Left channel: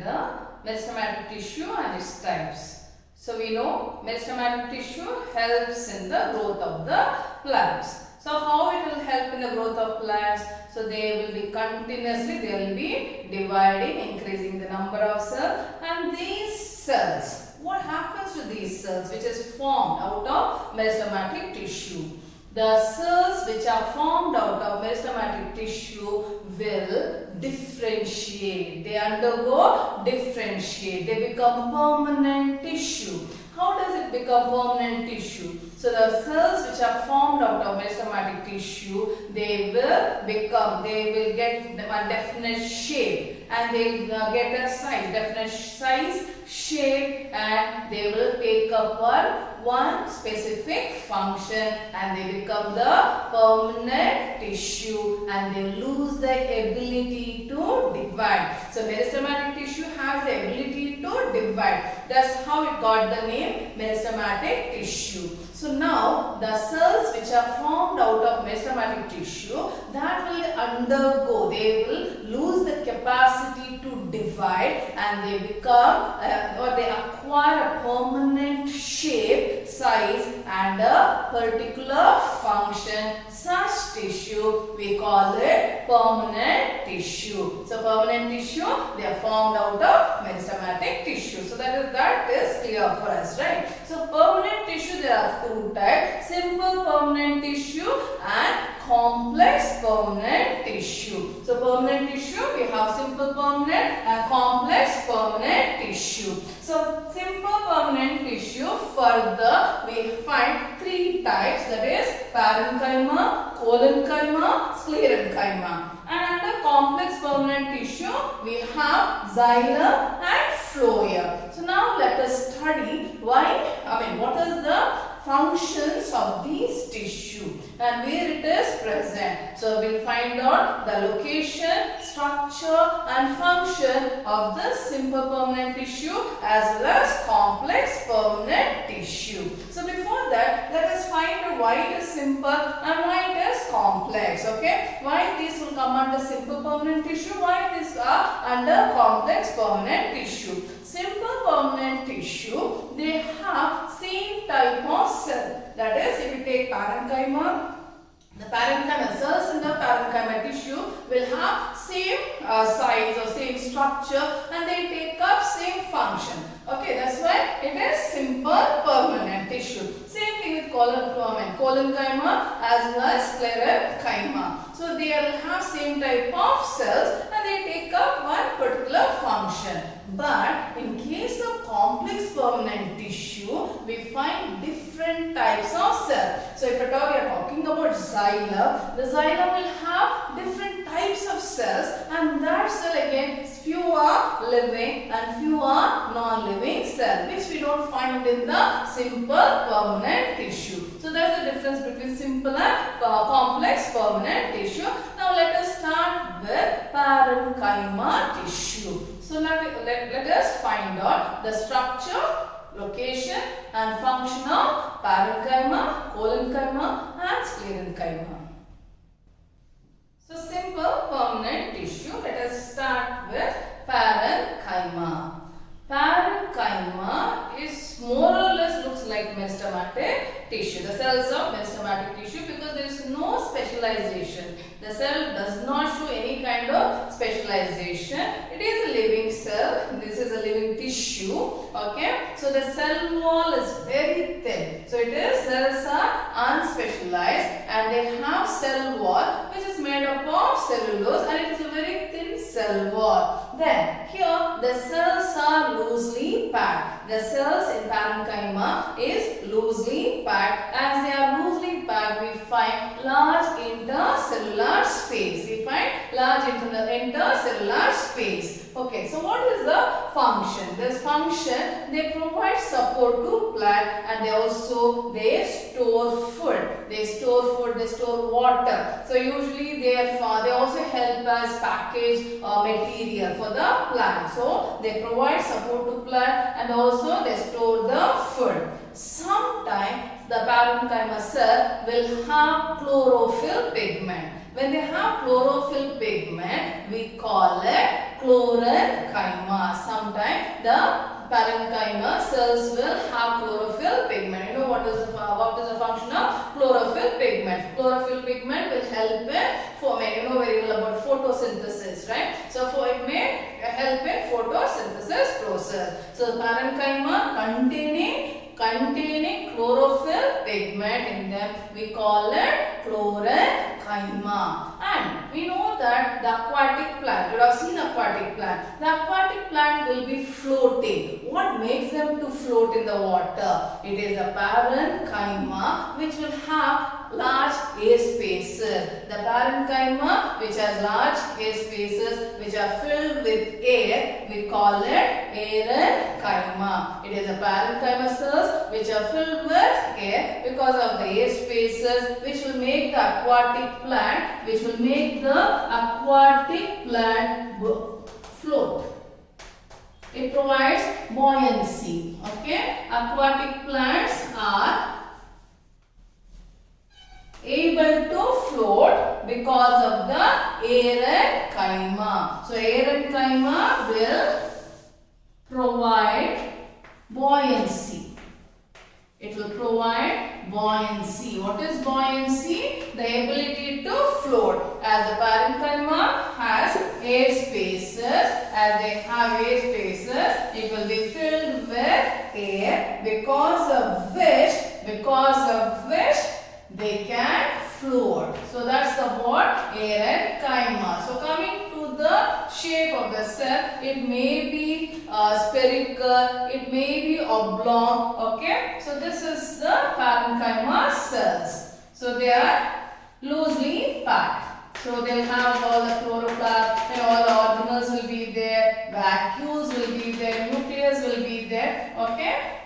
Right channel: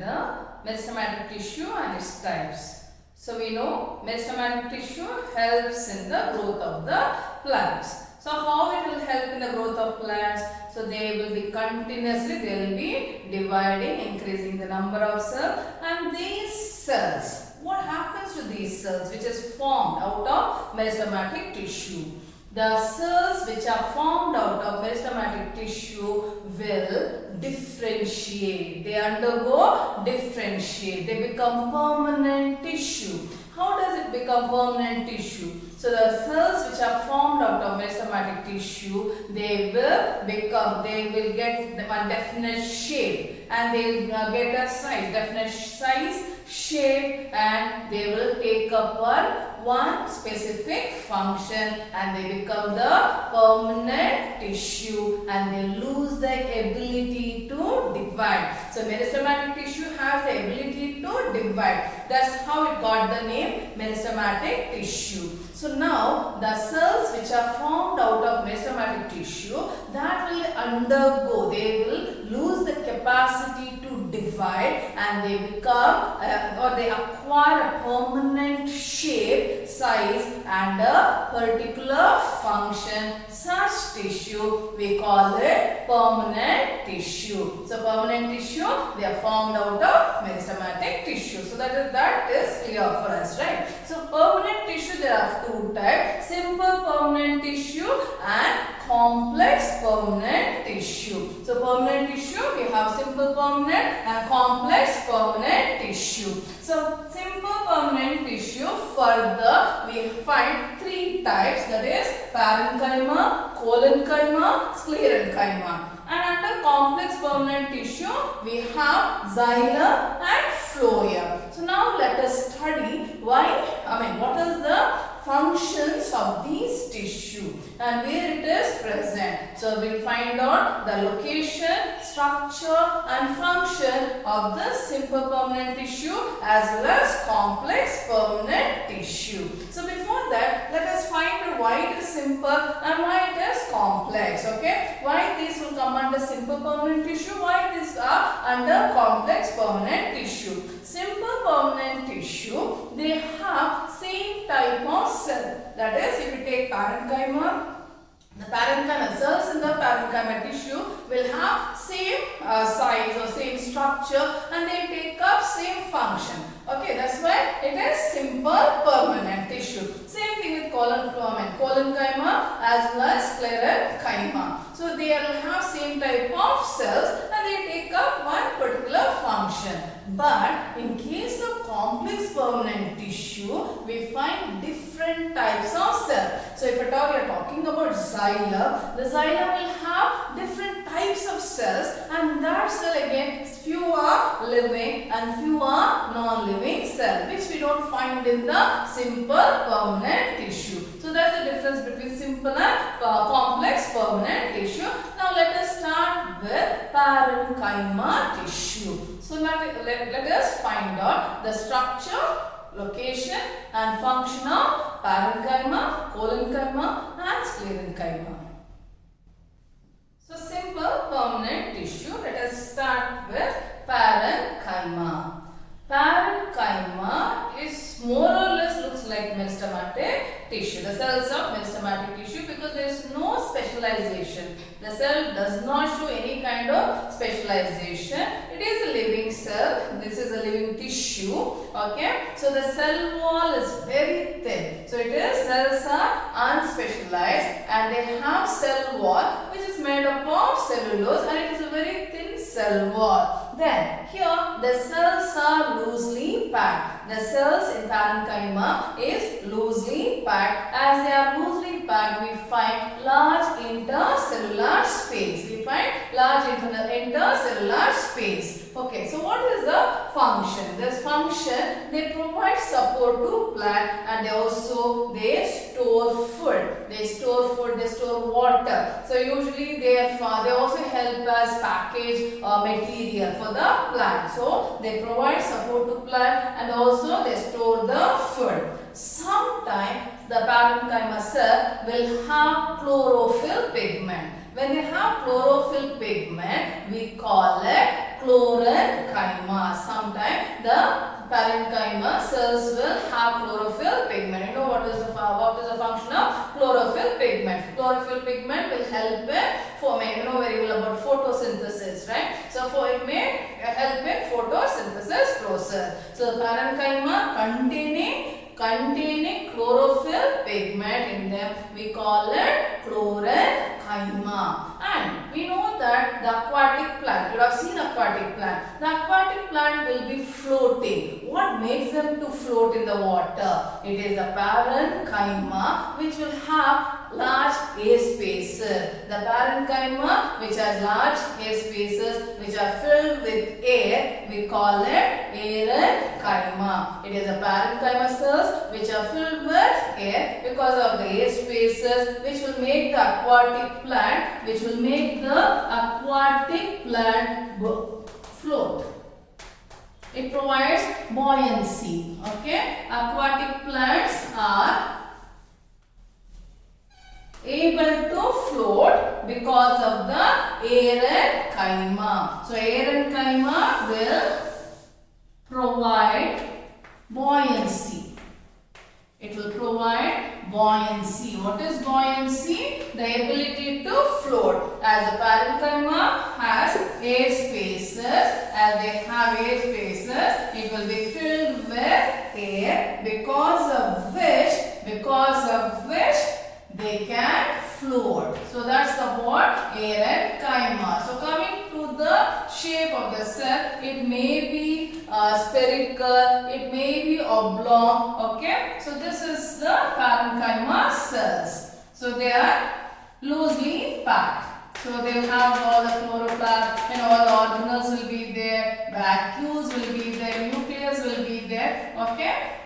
with the meristematic tissue and its types. So we know meristematic tissue helps in the growth of the plants. So how it will help in the growth of plants? So they will be continuously, they will be dividing, increasing the number of cells, and these cells, what happens to these cells which is formed out of meristematic tissue? The cells which are formed out of meristematic tissue will differentiate. They undergo differentiate. They become permanent tissue. How does it become permanent tissue? So the cells which are formed out of meristematic tissue, they will get one definite shape, and they will get a size, definite size, shape, and they will take up one specific function, and they become the permanent tissue, and they lose the ability to divide. So meristematic tissue has the ability to divide. That's how it got the name meristematic tissue. So now the cells which are formed out of meristematic tissue, that will undergo, they will lose the capacity to divide, and they become or they acquire a permanent shape, size, and a particular function. Such tissue we call it permanent tissue. So permanent tissue, they are formed out of meristematic tissue. So that is clear for us, right? So permanent tissue, there are two types: simple permanent tissue and complex permanent tissue. So permanent tissue, we have simple permanent and complex permanent tissue. So simple permanent tissue, further we find three types, that is parenchyma, collenchyma, sclerenchyma. And under complex permanent tissue, we have xylem and phloem. So now let us study what is the functions of these tissue and where it is present. So we'll find out the location, structure, and function of the simple permanent tissue as well as complex permanent tissue. So before that, let us find out why it is simple and why it is complex. Okay, why these will come under simple permanent tissue, why these are under complex permanent tissue. Simple permanent tissue, they have same type of cell. That is, if you take parenchyma, the parenchyma cells in the parenchyma tissue will have same size or same structure, and they take up same function. Okay, that's why it is simple permanent tissue. Same thing with collenchyma as well as sclerenchyma. So they will have same type of cells and they take up one particular function. But in case of complex permanent tissue, we find different types of cells. So if at all we are talking about xylem, the xylem will have different types of cells, and that cell again, few are living and few are non-living cells, which we don't find in the simple permanent tissue. So that's the difference between simple and complex permanent tissue. Now let us start with parenchyma tissue. So now let us find out the structure, location, and function of parenchyma, collenchyma, and sclerenchyma. So simple permanent tissue, let us start with parenchyma. Parenchyma is more or less looks like meristematic tissue, the cells of meristematic tissue, because there is no specialization. The cell does not show any kind of specialization. It is a living cell. This is a living tissue. Okay. So the cell wall is very thin. So cells are unspecialized, and they have cell wall which is made up of cellulose, and it is a very thin cell wall. Then here the cells are loosely packed. The cells in parenchyma is loosely packed. As they are loosely packed, we find large intercellular space. Intercellular space. Okay, so what is the function? This function, they provide support to plant, and they store food. They store water. So usually they also help us package material for the plant. So they provide support to plant, and also they store the food. Sometimes the parenchyma cell will have chlorophyll pigment. When they have chlorophyll pigment, we call it chlorenchyma. Sometimes the parenchyma cells will have chlorophyll pigment. You know what is the function of chlorophyll pigment? Chlorophyll pigment will help in forming. You know very well about photosynthesis, right? So it may help in photosynthesis process. So the parenchyma containing chlorophyll pigment in them, we call it chlorenchyma. And we know that the aquatic plant, you have seen aquatic plant. The aquatic plant will be floating. What makes them to float in the water? It is the parenchyma, which will have large air spaces. The parenchyma which has large air spaces which are filled with air, we call it parenchyma. It is the parenchyma cells which are filled with air because of the air spaces which will make the aquatic plant float. It provides buoyancy. Okay, aquatic plants are able to float because of the parenchyma. So parenchyma will provide buoyancy. It will provide buoyancy. What is buoyancy? The ability to float. As the parenchyma has air spaces, it will be filled with air because of which they can float. So that's the word parenchyma. So coming to the shape of the cell, it may be spherical, it may be oblong. Okay, so this is the parenchyma cells. So they are loosely packed. So they'll have all the chloroplast and all the organelles will be there, vacuoles will be there, nucleus will be there. Okay.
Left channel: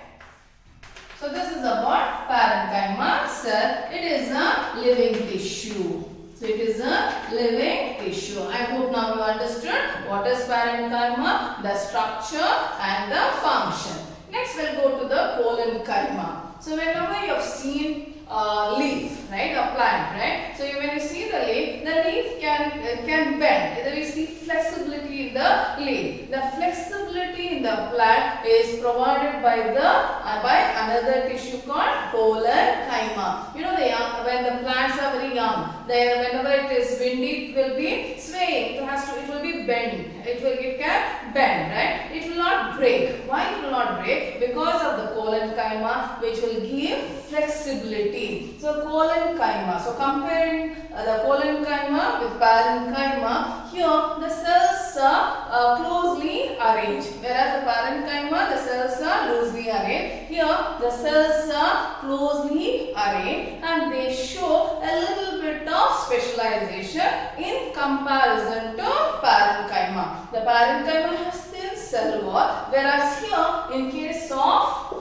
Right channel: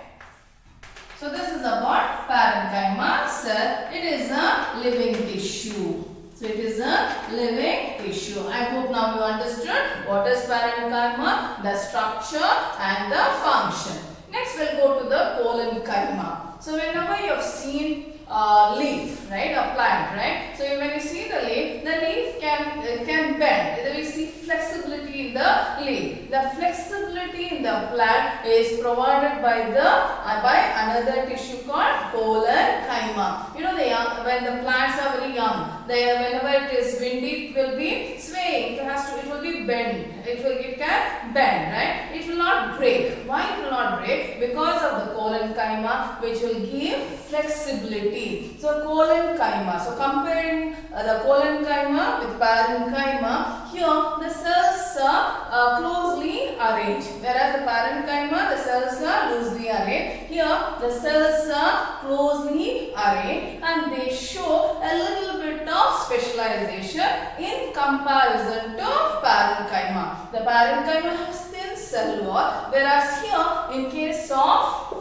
So this is about parenchyma cell. It is a living tissue. So it is a living tissue. I hope now you understood what is parenchyma, the structure and the function. Next we'll go to the collenchyma. So whenever you have seen leaf, right, a plant, right? So when you see the leaf can bend. Either we see flexibility in the leaf. The flexibility in the plant is provided by another tissue called collenchyma. You know when the plants are very young, whenever it is windy, it will be swaying. It will be bent. It can bend, right? It will not break. Why it will not break? Because of the collenchyma, which will give flexibility. So collenchyma. So comparing the collenchyma with parenchyma, here the cells are closely arranged, whereas the parenchyma, the cells are loosely arranged. Here the cells are closely arranged and they show a little bit of specialization in comparison to parenchyma. The parenchyma has thin cell wall, whereas here in case of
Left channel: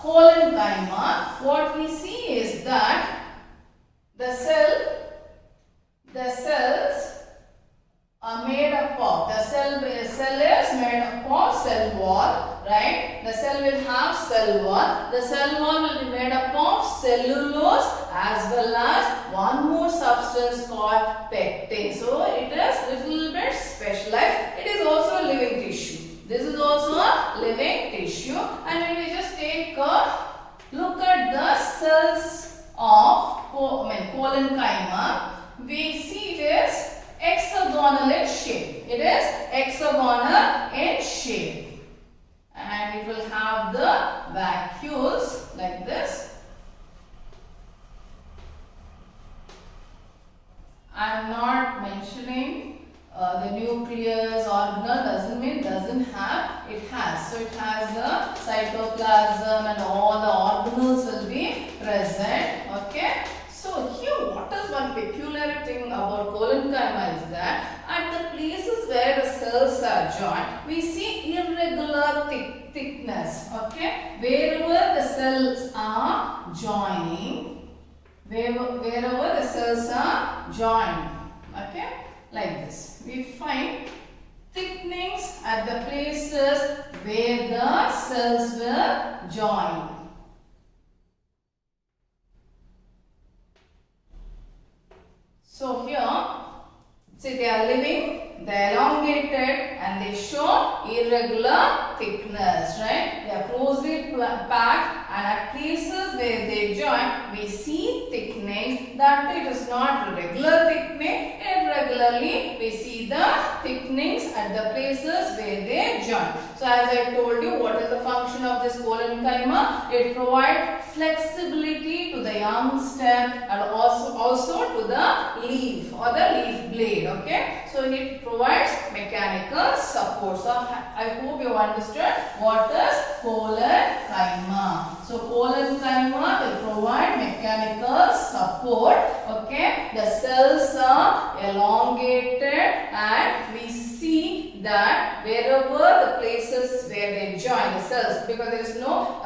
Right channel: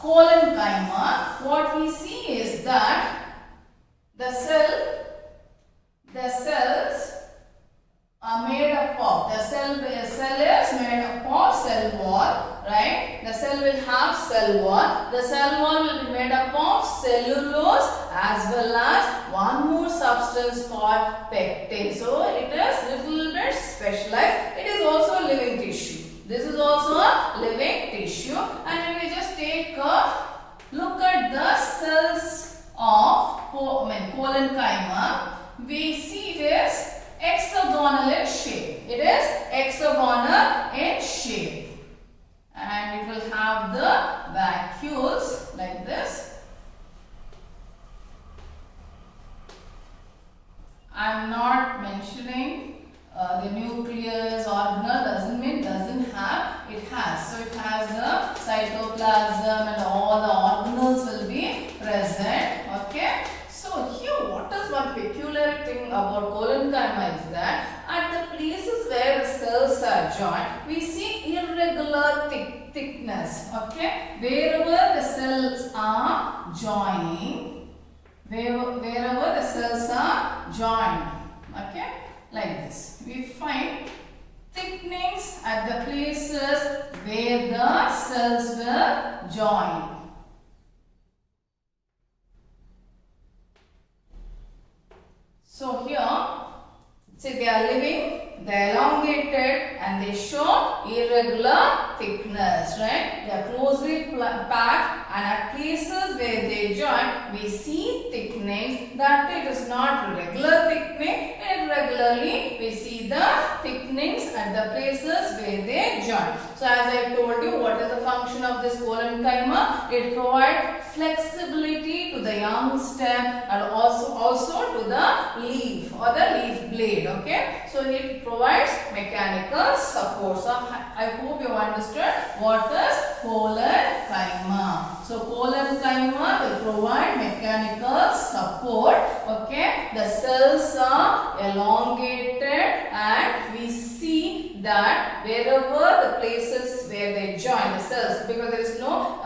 collenchyma, what we see is that the cells are made up of, the cell is made up of cell wall, right? The cell will have cell wall. The cell wall will be made up of cellulose as well as one more substance called pectin. So it is little bit specialized. It is also a living tissue. This is also a living tissue. And when we just take a look at the cells of collenchyma, we see it is hexagonal in shape. It is hexagonal in shape. And it will have the vacuoles like this. I am not mentioning the nucleus organelle, doesn't mean doesn't have, it has. So it has the cytoplasm and all the organelles will be present. Okay. So here what is one peculiar thing about collenchyma is that at the places where the cells are joined, we see irregular thickness. Okay. Wherever the cells are joining, wherever the cells are joined, okay, like this, we find thickenings at the places where the cells will join. So here, see, they are living and they show irregular thickness, right? They are closely packed, and at places where they join, we see thickening. That it is not regular thickening. Irregularly, we see the thickenings at the places where they join. So as I told you, what is the function of this collenchyma? It provides flexibility to the young stem and also to the leaf or the leaf blade. Okay, so it provides mechanical support. So I hope you understood what is collenchyma. So collenchyma will provide mechanical support. Okay, the cells are elongated, and we see that wherever the places where they join the cells, because there is no,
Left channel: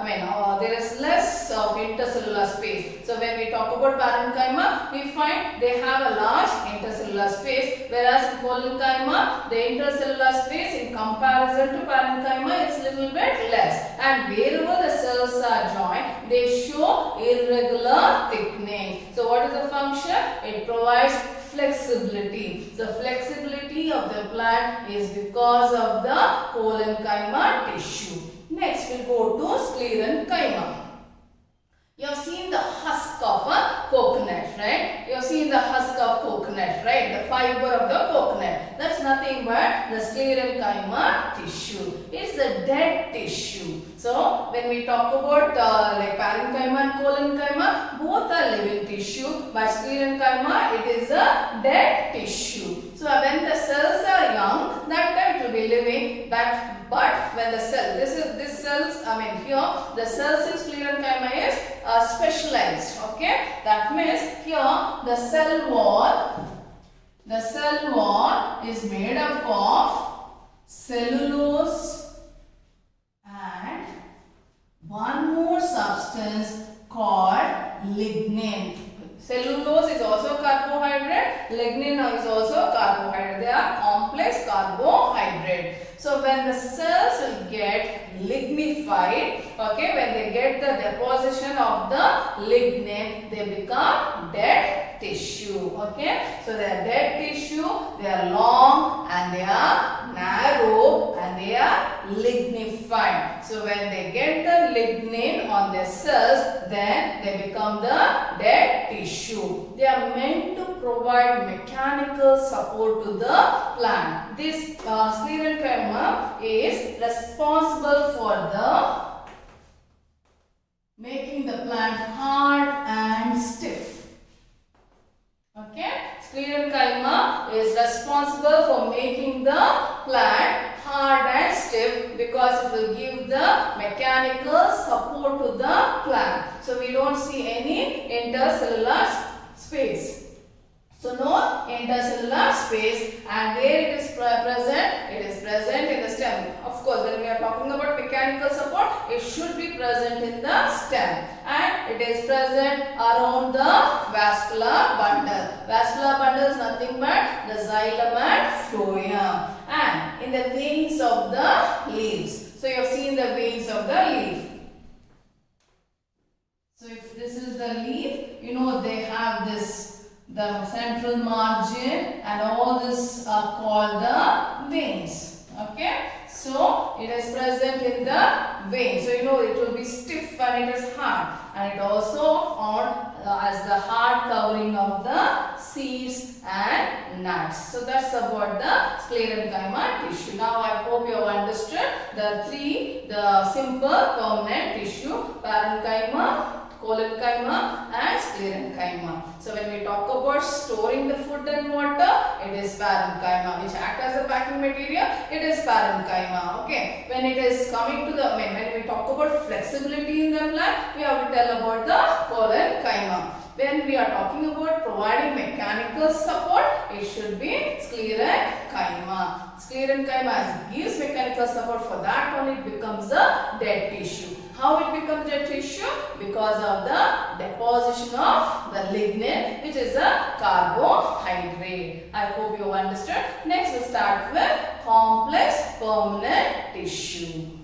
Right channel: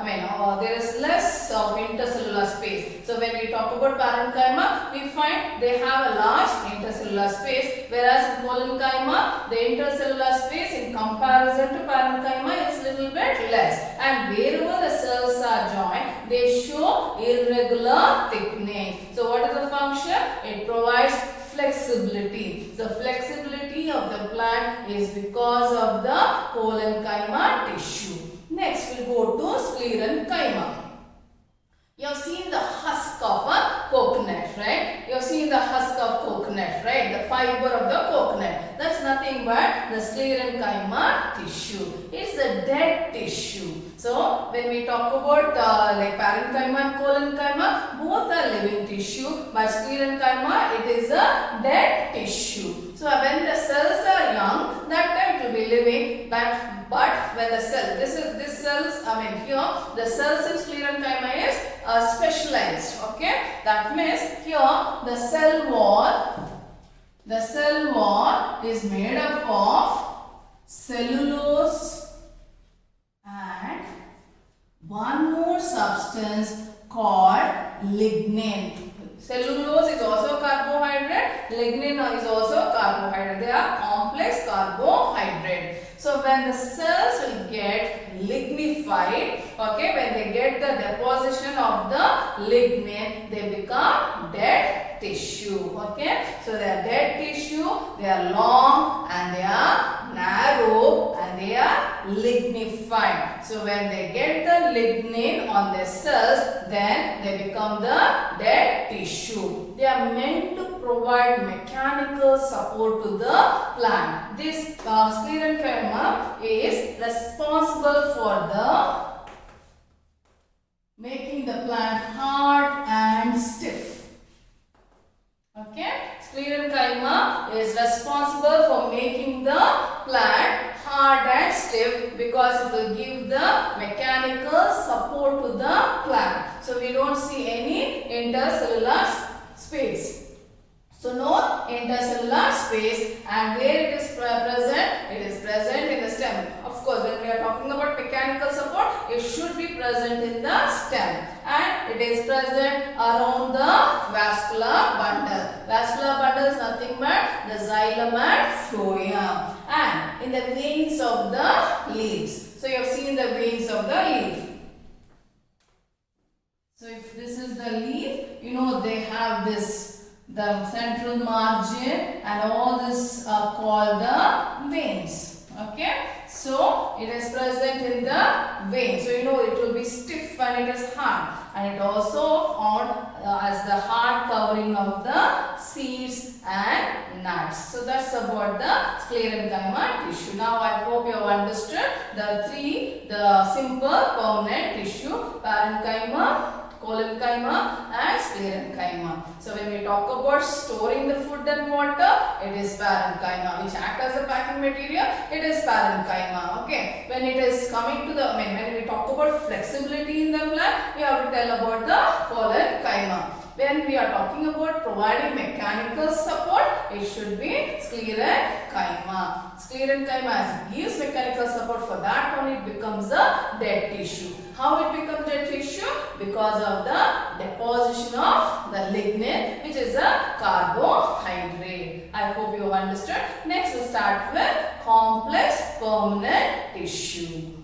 there is less of intercellular space. So when we talk about parenchyma, we find they have a large intercellular space, whereas in collenchyma, the intercellular space in comparison to parenchyma is little bit less. And wherever the cells are joined, they show irregular thickening. So what is the function? It provides flexibility. The flexibility of the plant is because of the collenchyma tissue. Next we'll go to sclerenchyma. You have seen the husk of a coconut, right? You have seen the husk of coconut, right? The fiber of the coconut. That's nothing but the sclerenchyma tissue. It's a dead tissue. So when we talk about like parenchyma and collenchyma, both are living tissue. But sclerenchyma, it is a dead tissue. So when the cells are young, that time it will be living. But when the cell, this cells, here the cells in sclerenchyma is specialized. Okay, that means here the cell wall is made up of cellulose and one more substance called lignin. Cellulose is also carbohydrate, lignin is also carbohydrate. They are complex carbohydrate. So when the cells will get lignified, okay, when they get the deposition of the lignin, they become dead tissue. Okay, so they are dead tissue, they are long and they are narrow and they are lignified. So when they get the lignin on their cells, then they become the dead tissue. They are meant to provide mechanical support to the plant. This sclerenchyma is responsible for the making the plant hard and stiff. Okay, sclerenchyma is responsible for making the plant hard and stiff because it will give the mechanical support to the plant. So we don't see any intercellular space. So no intercellular space, and where it is present? It is present in the stem. Of course, when we are talking about mechanical support, it should be present in the stem, and it is present around the vascular bundle. Vascular bundle is nothing but the xylem and phloem, and in the veins of the leaves. So you have seen the veins of the leaf. So if this is the leaf, they have this, the central margin, and all this are called the veins. Okay, so it is present in the vein. So it will be stiff and it is hard, and it also found as the hard covering of the seeds and nuts. So that's about the sclerenchyma tissue. Now I hope you have understood the simple permanent tissue: parenchyma, collenchyma and sclerenchyma. So when we talk about storing the food and water, it is parenchyma, which act as a packing material. It is parenchyma. Okay. When it is coming to the when we talk about flexibility in the plant, we have to tell about the collenchyma. When we are talking about providing mechanical support, it should be sclerenchyma. Sclerenchyma gives mechanical support. For that one, it becomes a dead tissue. How it becomes dead tissue? Because of the deposition of the lignin, which is a carbohydrate. I hope you understood. Next, we'll start with complex permanent tissue.